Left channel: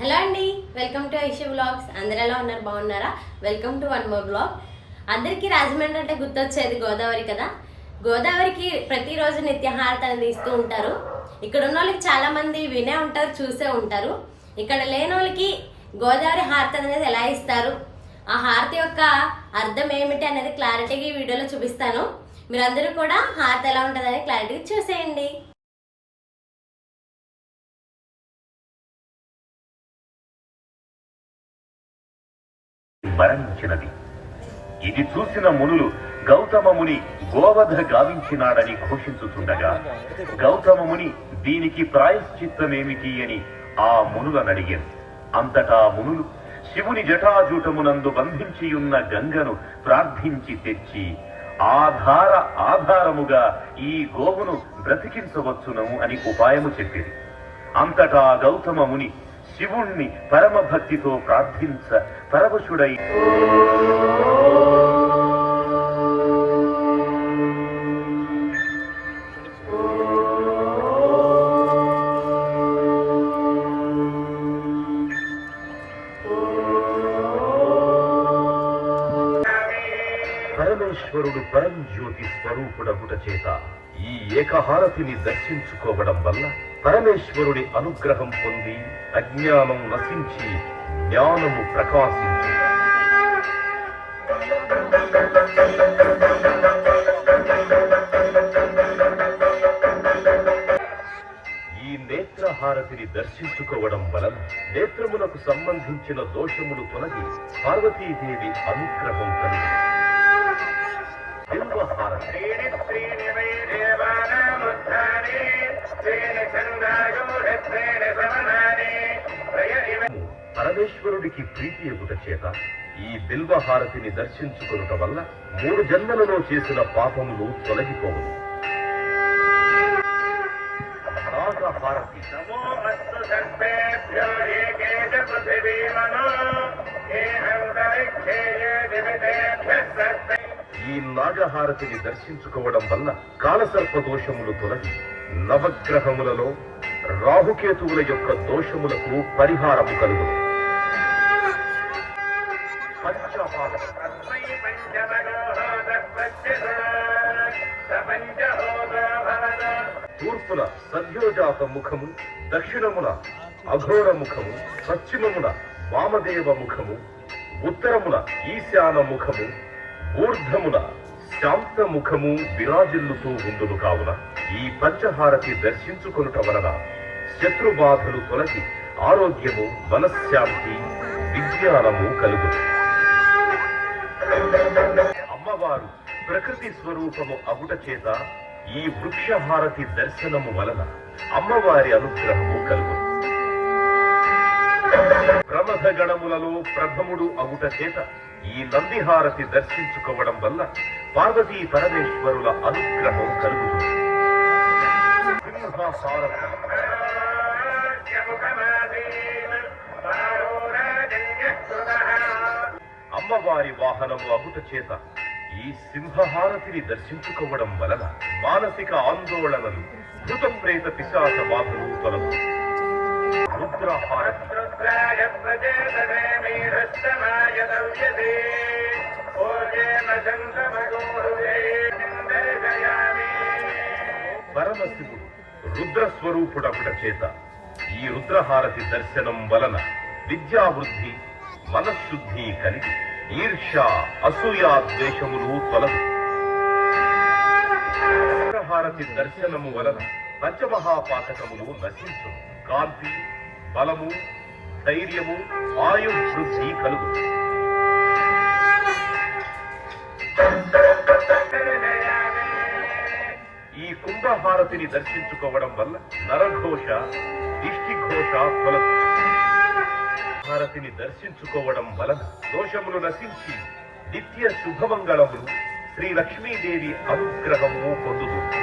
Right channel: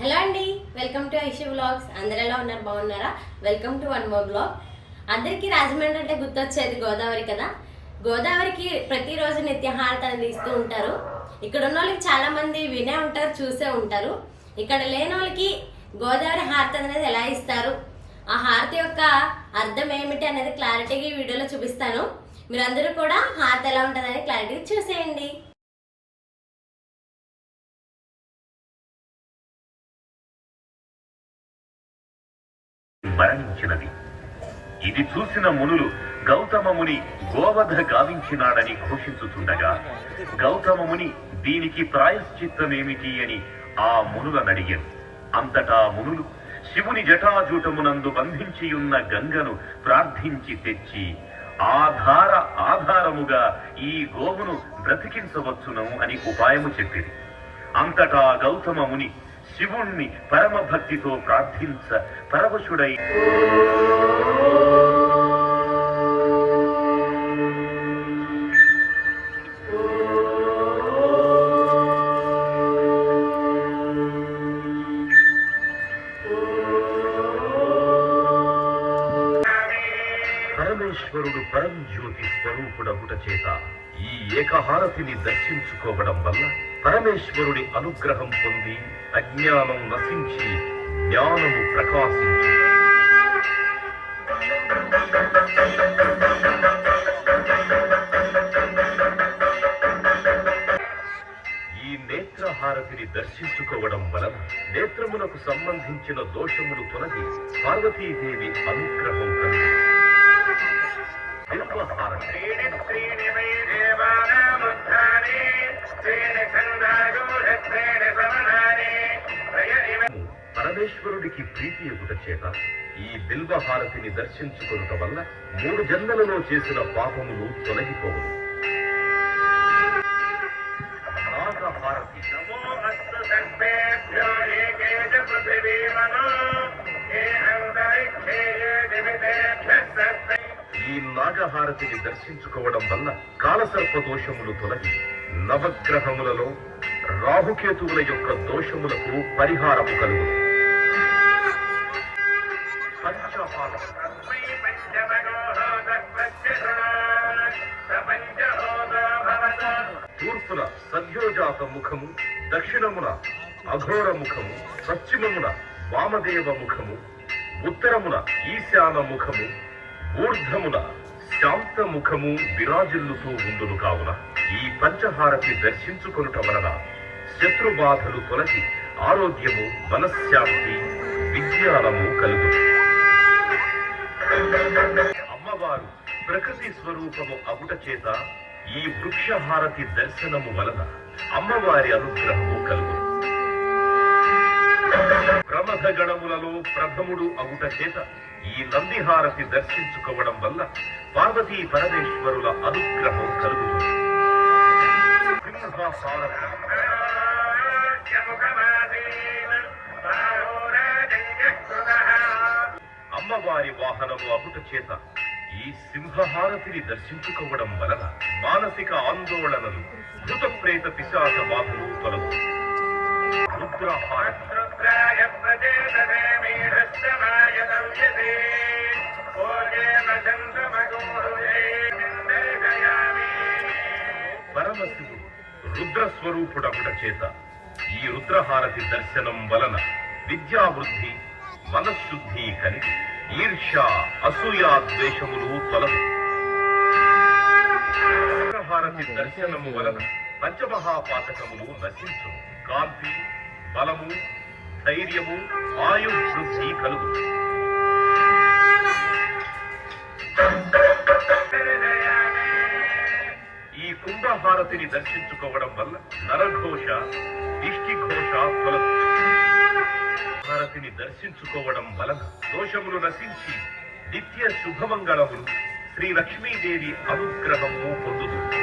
Hello అండి welcome to Aishi blogs అందరు ఎలా ఉన్నారు? బాగున్నారా? Welcome to one more blog అందరికీ రాజమండ్రి అంటే గుర్తొచ్చేది గోదావరి కదా? గోదావరికి ప్రతిరోజు నిత్యహారతను అనేది ఇస్తూ ఉంటారు. ఇక్కడ ఉన్న వాళ్ళకి చాలా మంది వినే ఉంటారు చూసే ఉంటారు. ఇక్కడ లేని వాళ్ళకి గోదావరి హారతి అనేది ఎలా ఇస్తారు? ఆ హారతి యొక్క అర్థం ఏమిటి అనేది క్లారిటీగా ఈ వీడియోలో చూపిస్తాను. మీరందరూ కూడా హారతి ఎలా ఉంటుంది అనేది క్లారిటీగా చూసేయండి. మరణించినది ఇది చూసిన మునులు గౌతమ ముని గోవధ గావించినాడని ఘోషించుతుండగా గౌతమ ముని దీనికి ప్రాయశ్చిత్తమేమిటి అని ఆ మునులను అడిగారు అంతటా మునులు శివుని జటాజూటమునందు బంధించియున్న గంగను ప్రార్థించి తెచ్చి ఆధార ఆధారముగా ఈ గోవును బ్రతికించవచ్చును అని ఉపాయము చెప్పింది అంతటా గౌతమ ముని శివుణ్ణి పరమ భక్తితో ప్రార్థించ పరవశుడై. పరమేశ్వరుడు పరంజ్యోతి స్వరూపుడగుట చేత ఈ ఏకహారతిని దర్శించుకోవడం వల్ల పరమేశ్వరుడి అనుగ్రహం పొంది అజ్ఞానం నశించి జ్ఞానము ప్రకాశించు ఈ నేత్రహారతిని దర్శించుకోవడం వలన నేత్రములకు సంబంధించిన దోషములు తొలగి పార్వతీదేవి అనుగ్రహం కలిగి పరమేశ్వరుడికి ప్రీతి ఎగుట చేత ఈ బిల్వహారతిని దర్శించుకునుట వల్ల మూడు జన్మలలో చేసిన పాపములు తొలగిపోవు. సర్పే ఈ నాగహారతిని దర్శించుకోవడం వల్ల కాలసర్ప దోషములు తొలగి నవగ్రహములలో రాహుకేతువుల యొక్క దోషములకు పరిహారము కలుగు తూర్పున సద్యోజాత ముఖము దక్షిణమున అఘోర ముఖము పశ్చిమమున వామదేవ ముఖము ఉత్తరమున ఈశాన ముఖము ఊర్ధమున శాంత ముఖము విరాజిల్లుతూ ఉండును కావున ఈ పంచహారతి దర్శించుకొనుట వలన శత్రుబాధలు తొలగి ఆరోగ్యము మనశ్శాంతి విజ్ఞానము కలుగు అమ్మవారు ప్రకృతి స్వరూపము అగుట చేత ఈ వృక్షహారతి దర్శనము వలన అమ్మవారి అనుగ్రహము కలుగుతుంది ప్రమథ గణములలో ప్రథముడు అగుట చేత ఈ నందిహారతి దర్శించుకోవడం వల్ల పార్వతీ పరమేశ్వరుల అనుగ్రహం కలుగుతుంది. అమ్మవారి వాహనము అగుట చేత ఈ సింహహారతిని దర్శించుకోవడం వలన మానసిక ఆందోళనలు భూత ప్రేత పిశాచ బాధలు తొలగు. రుద్రహారతి. రుద్రాయ ఓజేన పరమశివుడు రుద్రస్వరూపుడపుట చేత ఈ రుద్రహారతి దర్శనం వలన విద్యావృద్ధి మనశుద్ధి కలిగి ఈర్ష అసూయా ద్వేషములు తొలగు. రుద్రహారతి దర్శనము వలన పంచమహాపాతకములు నశించు కాంతి బలము ధైర్యము ఆయు వృద్ధి కలుగు ఈ కుంభహారతిని దర్శించుకోవడం వల్ల నరఘోష దిష్టిఘోష తొలగు హారతిని దర్శించుకోవడం వలన దోషములు నశించి నిత్య శుభమంగళములు శ్రీ లక్ష్మీదేవి అనుగ్రహము పొందుతుంది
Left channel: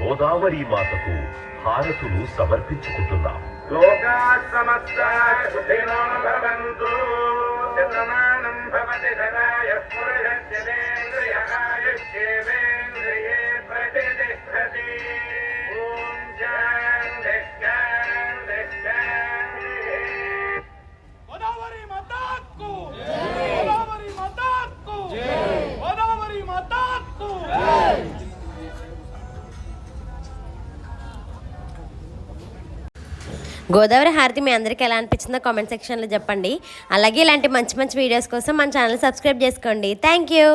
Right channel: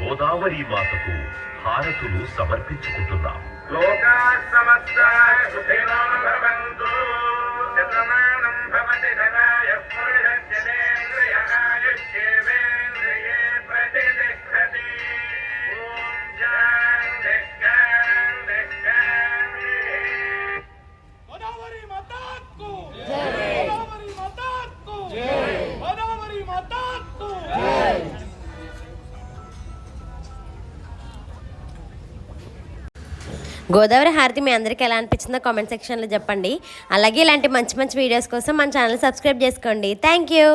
గోదావరి మాతకు హారతులు సమర్పించుకుంటున్నాం. లోకా సమస్త సుఖినో భవంతు శతమానం భవతి గోదావరి హారతి మీ అందరికీ ఎలా అనిపించిందో కామెంట్ సెక్షన్లో చెప్పండి. అలాగే ఇలాంటి మంచి మంచి వీడియోస్ కోసం మన ఛానల్ సబ్స్క్రైబ్ చేసుకోండి. Thank you